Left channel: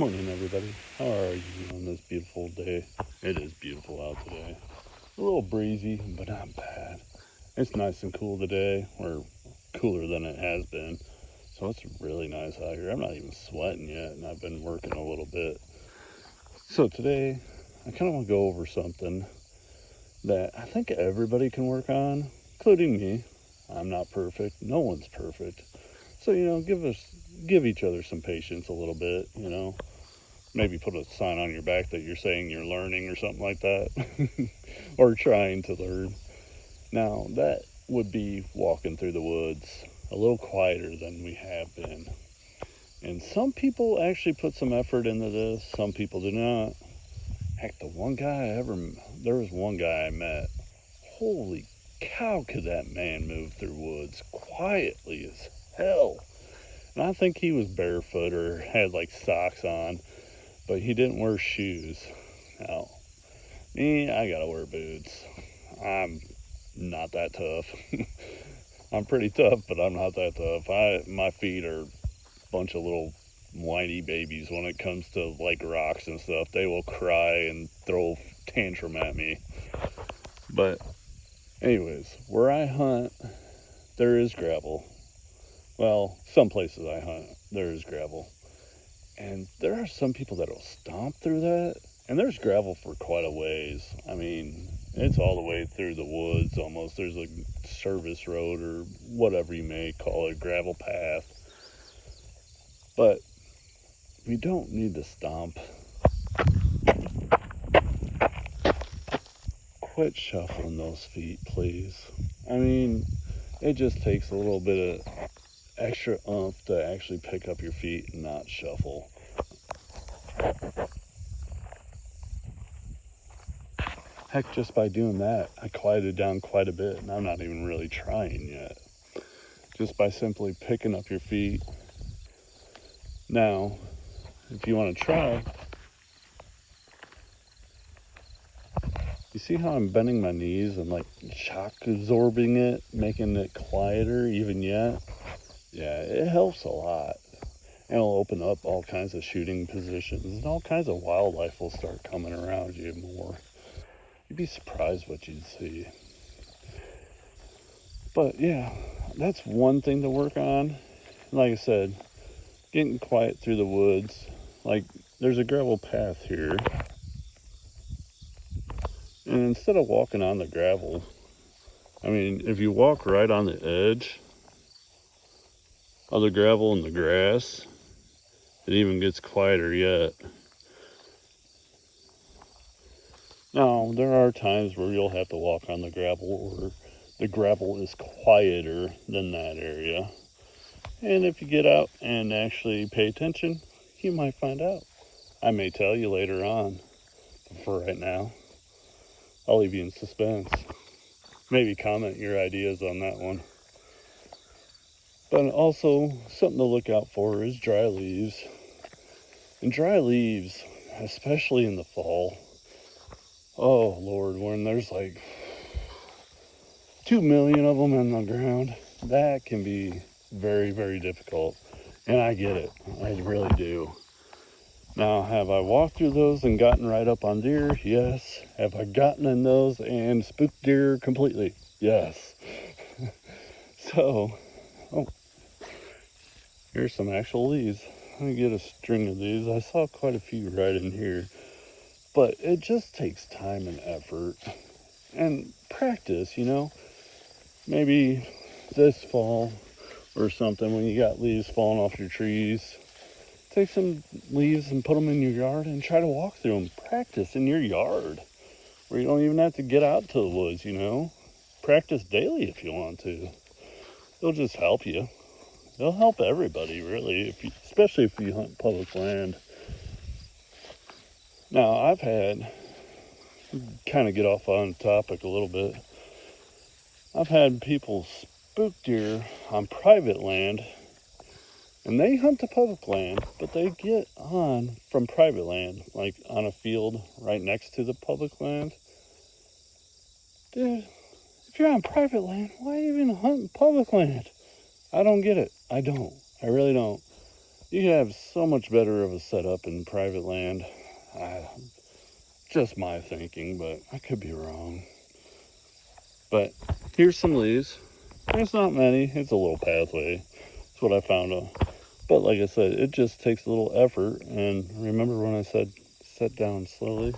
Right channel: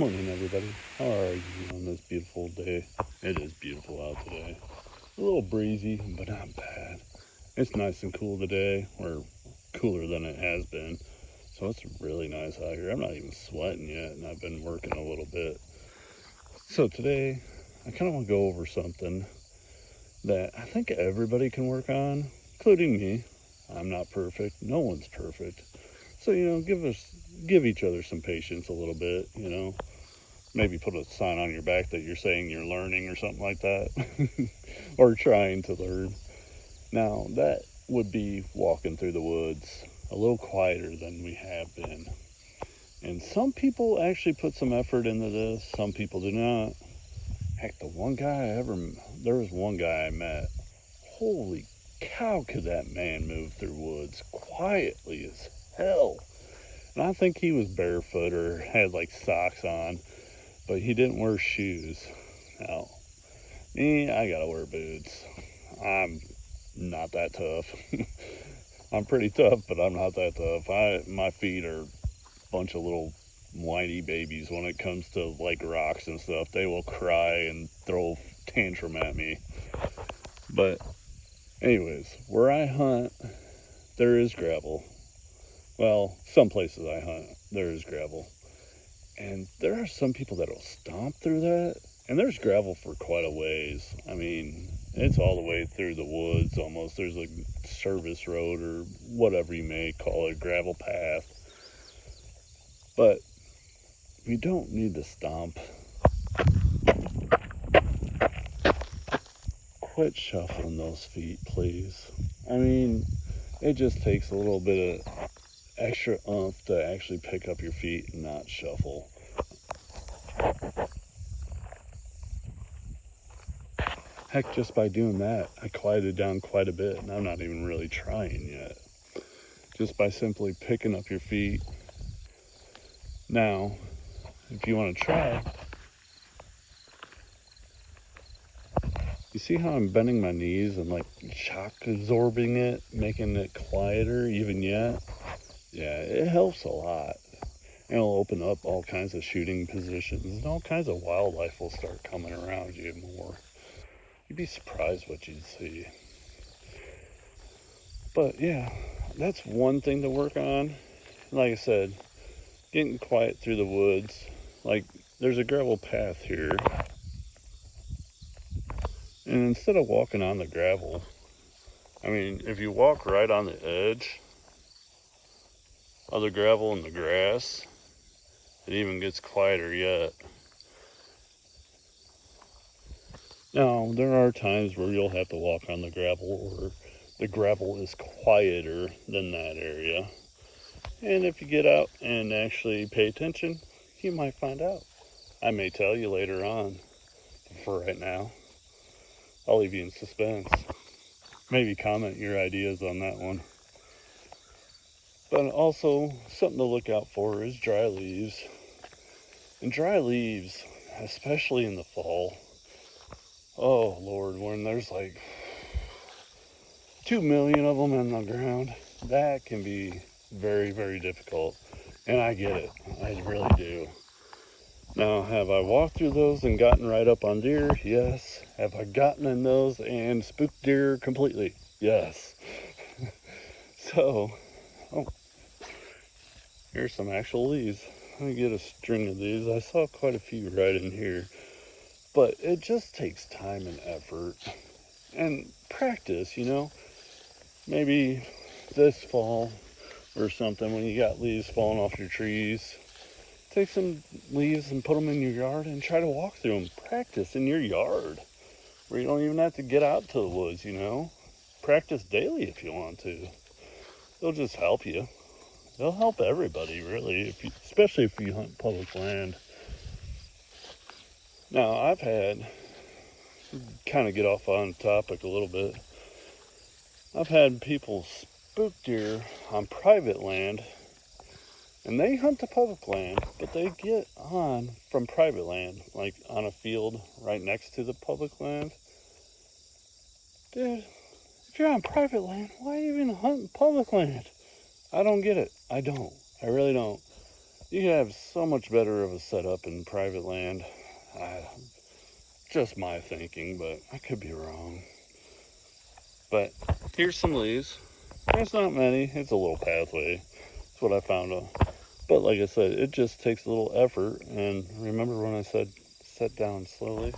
Morning, everybody. How are you on this beautiful day? It is beautiful out today. A little breezy, but not bad. It's nice and cool today, or cooler than it has been. So it's really nice out here. I'm not even sweating yet, and I've been working a little bit. So today, I kind of want to go over something that I think everybody can work on, including me. I'm not perfect. No one's perfect. So, give each other some patience a little bit, Maybe put a sign on your back that you're saying you're learning or something like that. Or trying to learn. Now, that would be walking through the woods a little quieter than we have been. And some people actually put some effort into this. Some people do not. Heck, there was one guy I met. Holy cow, could that man move through woods quietly as hell. And I think he was barefoot or had like socks on, but he didn't wear shoes. Now, me, I gotta wear boots. I'm not that tough. I'm pretty tough, but I'm not that tough. My feet are a bunch of little whiny babies when it comes to like rocks and stuff. They will cry and throw tantrum at me. But anyways, where I hunt, there is gravel. Well, some places I hunt, there is gravel. And there are some people that will stomp through that. And there's gravel for quite a ways. I mean, it's all the way through the woods almost. There's a service road or whatever you may call it, gravel path. But we don't need to stomp. Quit shuffling those feet, please. I mean, it just takes a little bit of extra oomph to actually pick up your feet and not shuffle. Heck, just by doing that, I quieted down quite a bit, and I'm not even really trying yet. Just by simply picking up your feet. Now, if you want to try, you see how I'm bending my knees and like shock absorbing it, making it quieter even yet? Yeah, it helps a lot. And it'll open up all kinds of shooting positions, and all kinds of wildlife will start coming around you more. You'd be surprised what you'd see. But yeah, that's one thing to work on. Like I said, getting quiet through the woods. Like, there's a gravel path here. And instead of walking on the gravel, I mean, if you walk right on the edge of the gravel and the grass, it even gets quieter yet. Now, there are times where you'll have to walk on the gravel, or the gravel is quieter than that area. And if you get out and actually pay attention, you might find out. I may tell you later on, but for right now, I'll leave you in suspense. Maybe comment your ideas on that one. But also, something to look out for is dry leaves. And dry leaves, especially in the fall, oh Lord, when there's like 2 million of them in the ground, that can be very, very difficult. And I get it, I really do. Now, have I walked through those and gotten right up on deer? Yes. Have I gotten in those and spooked deer completely? Yes. So, here's some actual leaves. Let me get a string of these. I saw quite a few right in here. But it just takes time and effort and practice, Maybe this fall or something, when you got leaves falling off your trees, take some leaves and put them in your yard and try to walk through them. Practice in your yard where you don't even have to get out to the woods, Practice daily if you want to. It'll just help you. It'll help everybody, really, especially if you hunt public land. Now, I've had, kind of get off on topic a little bit, I've had people spook deer on private land, and they hunt the public land, but they get on from private land, like on a field right next to the public land. Dude, if you're on private land, why even hunt public land? I don't get it. I don't. I really don't. You have so much better of a setup in private land. Just my thinking, but I could be wrong. But here's some leaves. There's not many. It's a little pathway. That's what I found. But like I said, it just takes a little effort. And remember when I said set down slowly?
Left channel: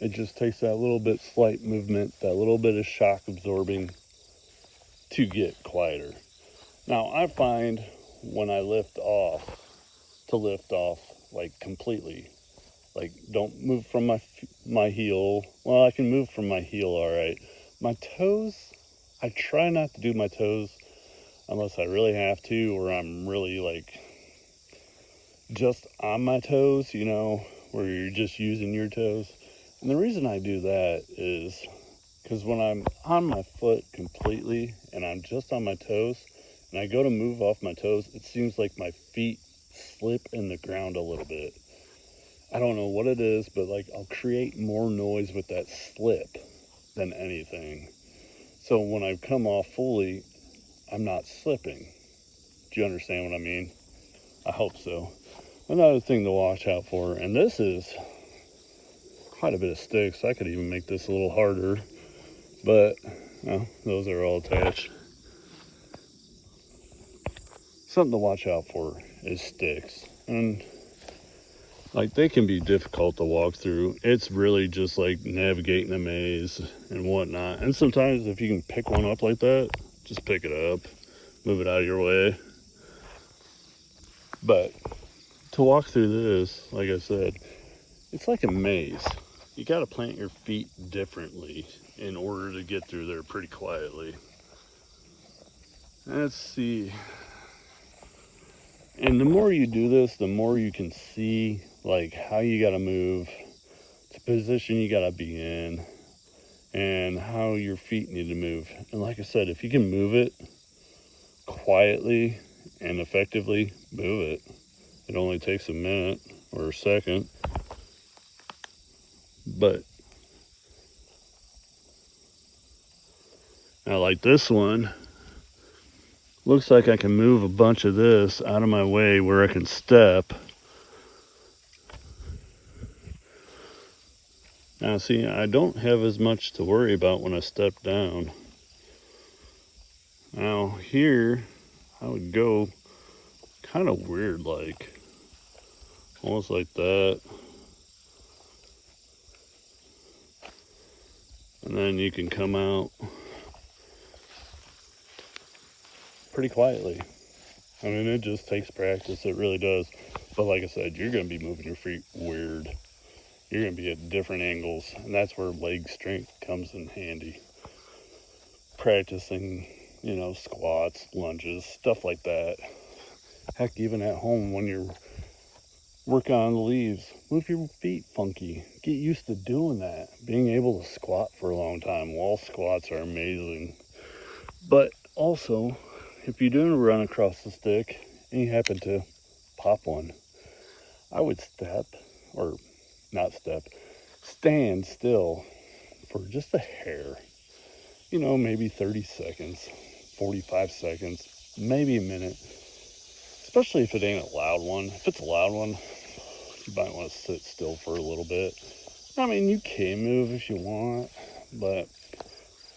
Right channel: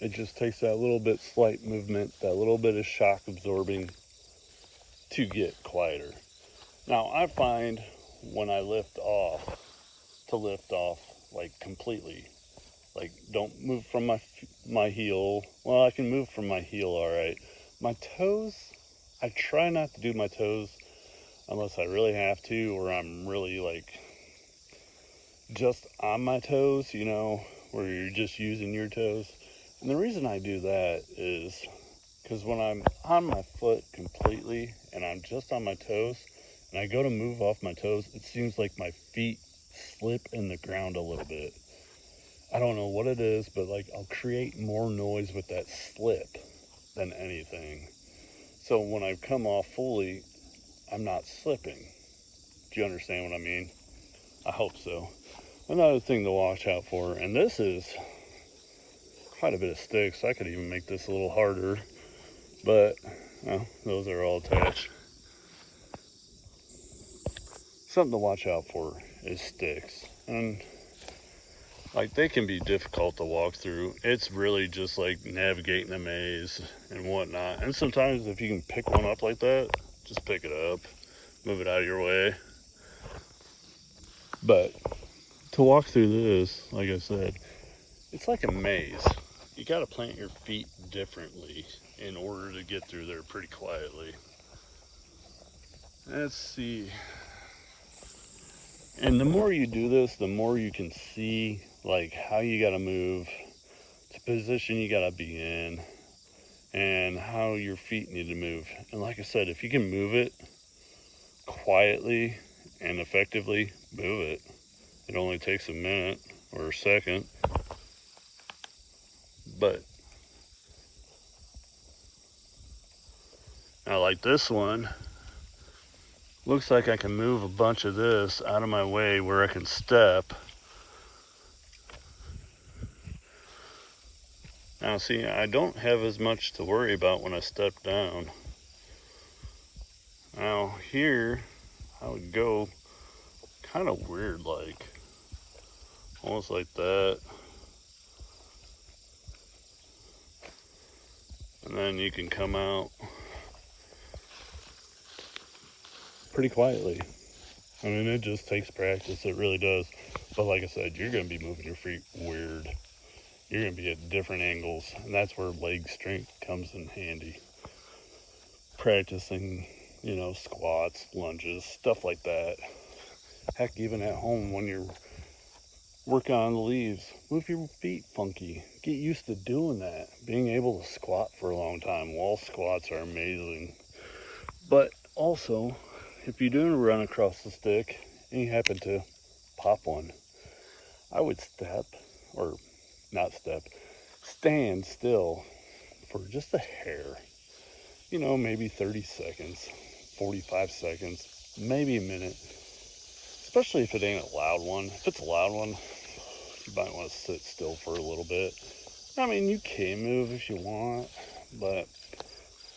It just takes that little bit slight movement, that little bit of shock absorbing to get quieter. Now I find when I lift off, to lift off like completely, like don't move from my heel. Well, I can move from my heel all right. My toes, I try not to do my toes unless I really have to, or I'm really like just on my toes, you know, where you're just using your toes. And the reason I do that is because when I'm on my foot completely and I'm just on my toes and I go to move off my toes, it seems like my feet slip in the ground a little bit. I don't know what it is, but like I'll create more noise with that slip than anything. So when I come off fully, I'm not slipping. Do you understand what I mean? I hope so. Another thing to watch out for, and this is quite a bit of sticks. I could even make this a little harder, but those are all attached. Something to watch out for is sticks, and like they can be difficult to walk through. It's really just like navigating a maze and whatnot. And sometimes if you can pick one up like that, just pick it up, move it out of your way. But to walk through this, like I said, it's like a maze. You got to plant your feet differently in order to get through there pretty quietly. Let's see. And the more you do this, the more you can see like how you got to move, the position you got to be in, and how your feet need to move. And like I said, if you can move it quietly and effectively, move it. It only takes a minute or a second. But now like this one, looks like I can move a bunch of this out of my way where I can step. Now see, I don't have as much to worry about when I step down. Now here, I would go kind of weird like, almost like that. And then you can come out pretty quietly. I mean, it just takes practice, it really does. But like I said, you're going to be moving your feet weird. You're going to be at different angles, and that's where leg strength comes in handy. Practicing, you know, squats, lunges, stuff like that. Heck, even at home when you're working on the leaves, move your feet funky. Get used to doing that. Being able to squat for a long time. Wall squats are amazing. But also, if you do run across the stick and you happen to pop one, I would step, or not step, stand still for just a hair. You know, maybe 30 seconds, 45 seconds, maybe a minute. Especially if it ain't a loud one. If it's a loud one, you might want to sit still for a little bit. I mean, you can move if you want, but,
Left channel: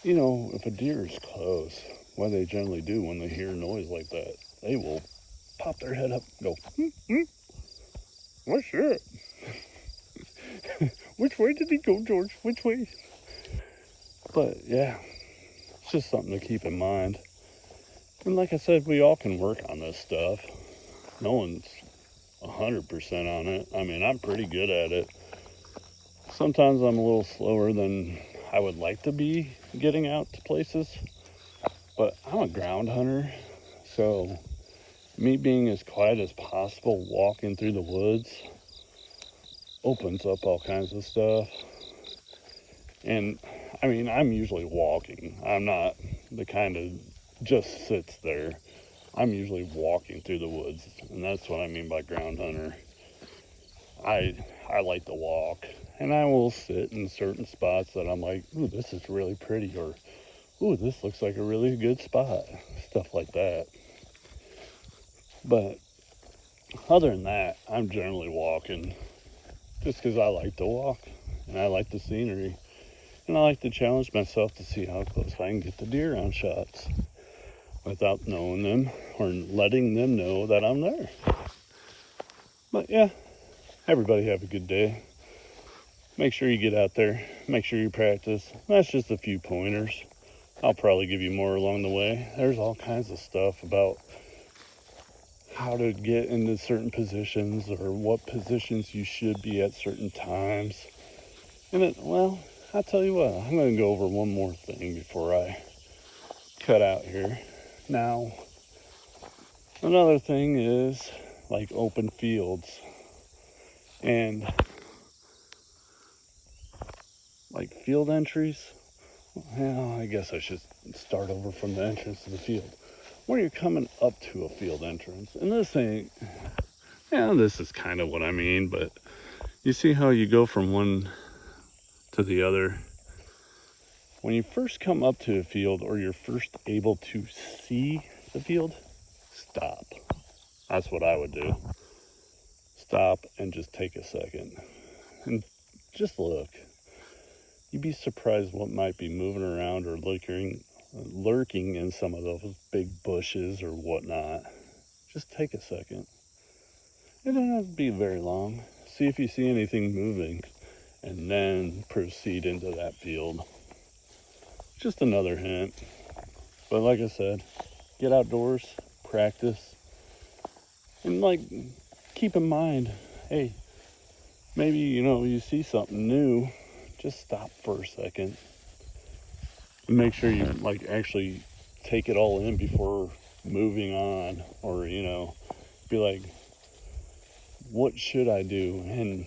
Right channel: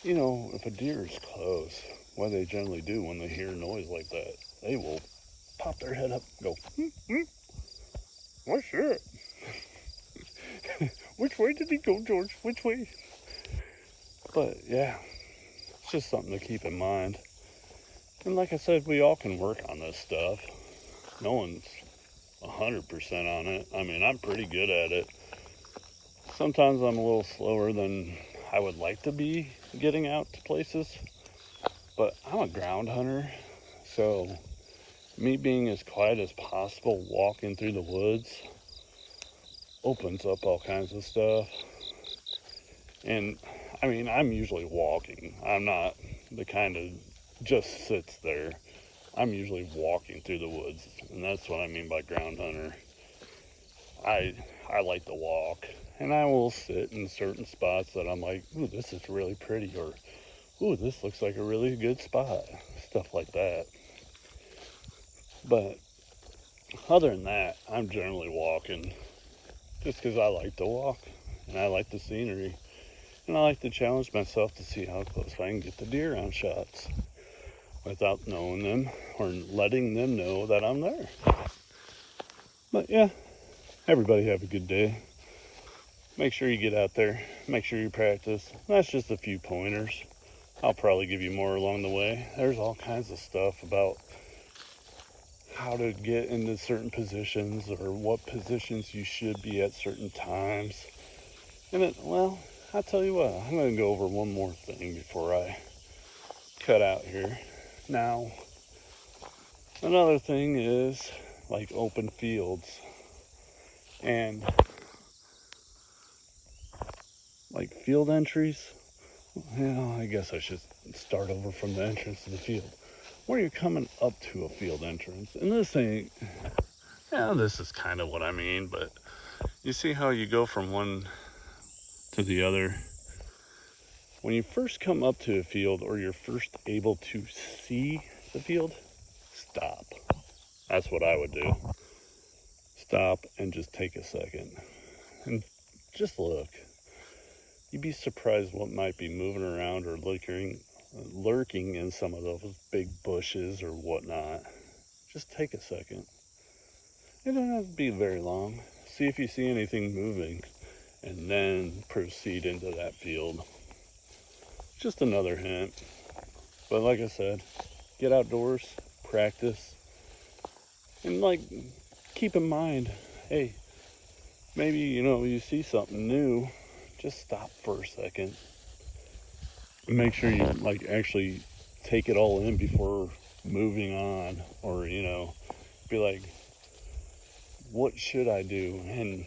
you know, if a deer is close, what they generally do when they hear a noise like that, they will pop their head up and go, what's that? Which way did he go, George? Which way? But, yeah, it's just something to keep in mind. And like I said, we all can work on this stuff. No one's 100% on it. I mean, I'm pretty good at it. Sometimes I'm a little slower than I would like to be getting out to places, but I'm a ground hunter, so me being as quiet as possible walking through the woods opens up all kinds of stuff. And I mean, I'm usually walking. I'm not the kind of just sits there. I'm usually walking through the woods, and that's what I mean by ground hunter. I like to walk, and I will sit in certain spots that I'm like, ooh, this is really pretty, or ooh, this looks like a really good spot, stuff like that. But other than that, I'm generally walking just because I like to walk, and I like the scenery, and I like to challenge myself to see how close I can get the deer on shots without knowing them or letting them know that I'm there. But yeah, everybody have a good day. Make sure you get out there. Make sure you practice. That's just a few pointers. I'll probably give you more along the way. There's all kinds of stuff about how to get into certain positions or what positions you should be at certain times. And well, I'll tell you what, I'm going to go over one more thing before I cut out here. Now, another thing is like open fields and like field entries. Well, I guess I should start over from the entrance to the field. When you're coming up to a field entrance, and this is kind of what I mean, but you see how you go from one to the other. When you first come up to a field or you're first able to see the field, stop. That's what I would do. Stop and just take a second and just look. You'd be surprised what might be moving around or lurking in some of those big bushes or whatnot. Just take a second. It don't have to be very long. See if you see anything moving and then proceed into that field. Just another hint. But like I said, get outdoors, practice, and like keep in mind, hey, maybe you see something new, just stop for a second. Make sure you like actually take it all in before moving on, or be like, what should I do? And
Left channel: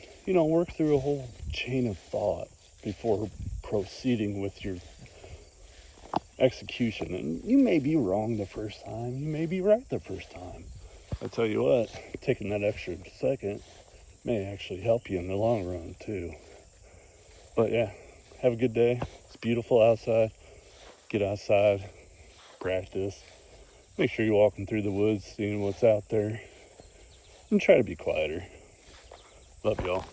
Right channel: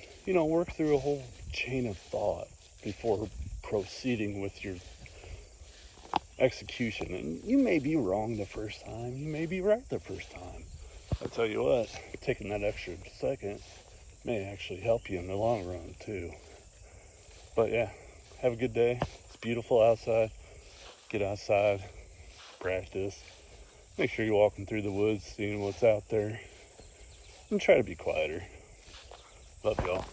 work through a whole chain of thought before proceeding with your execution. And you may be wrong the first time, you may be right the first time. I tell you what, taking that extra second may actually help you in the long run too. But yeah, have a good day. It's beautiful outside. Get outside, practice. Make sure you're walking through the woods, seeing what's out there, and try to be quieter. Love y'all.